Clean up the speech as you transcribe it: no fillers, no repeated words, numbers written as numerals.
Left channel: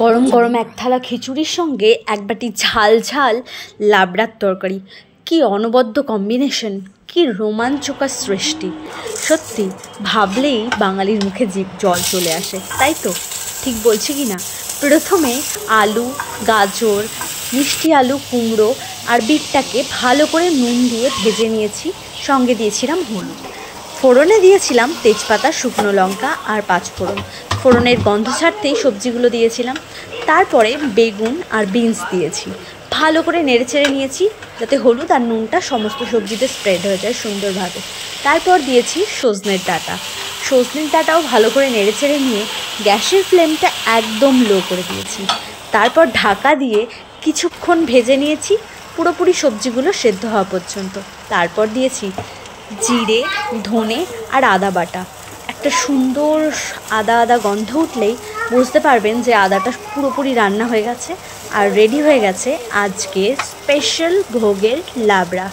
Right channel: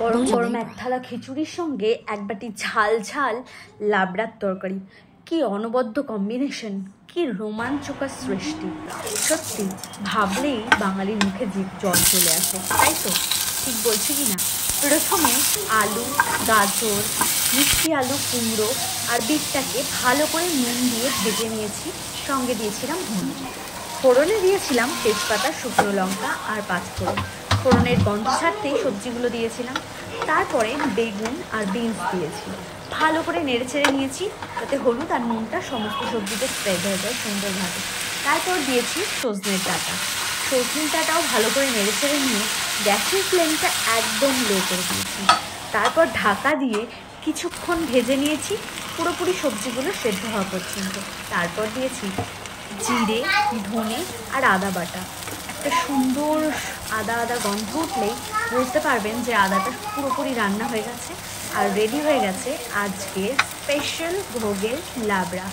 গরম গরম এক থালা খিচুড়ির সঙ্গে এক বাটি ঝাল ঝাল লাবড়ার তরকারি। কি অনবদ্য কম্বিনেশন, কি রোমাঞ্চকর সৃষ্টি! সত্যি ভাবলেই বাঙালির মুখে জিভ জল চলে আসে, তাই তো? ঠিক বলছি কি না? প্রথমে আলু, গাজর, মিষ্টি আলু, কুমড়ো আর বিটটাকে ভালো করে নুন দিয়ে ভেজে নিয়েছি। সঙ্গে দিয়েছিলাম হলুদ। ফোড়নে দিয়েছিলাম তেজপাতা, শুকনো লঙ্কা আর পাঁচফোড়ন। ফোড়নের গন্ধ ছাড়তেই সবজিগুলো দিয়েছিলাম। তারপরে বেগুন আর বিনস দিয়েছি। ভালো করে নেড়েচেড়ে নিয়েছি যাতে হলুদ আর নুনটা সমস্ত সবজিতে স্প্রেড হয়ে যায় সুন্দরভাবে। তারপর দিয়েছি সজনের ডাঁটা। সজনের ডাঁটাও ভালো করে নেড়েচেড়ে নিয়ে গ্যাসের ফ্লেমটা একদম লো করে দিয়েছি। তারপর ঢাকা দিয়ে কিছুক্ষণ ভেজে নিয়েছি, পুরোপুরি সবজিগুলো সেদ্ধ হওয়া পর্যন্ত। তারপর দিয়েছি জিরে, ধনে আর আদা বাটা। একটা সুন্দর আদা আদা গন্ধ উঠলেই বুঝতে পারবেন যে আদাটা পুরোপুরি রান্না হয়ে গেছে আর রেডি হয়ে গেছে আজকে স্পেশাল ভোগের লাবড়া।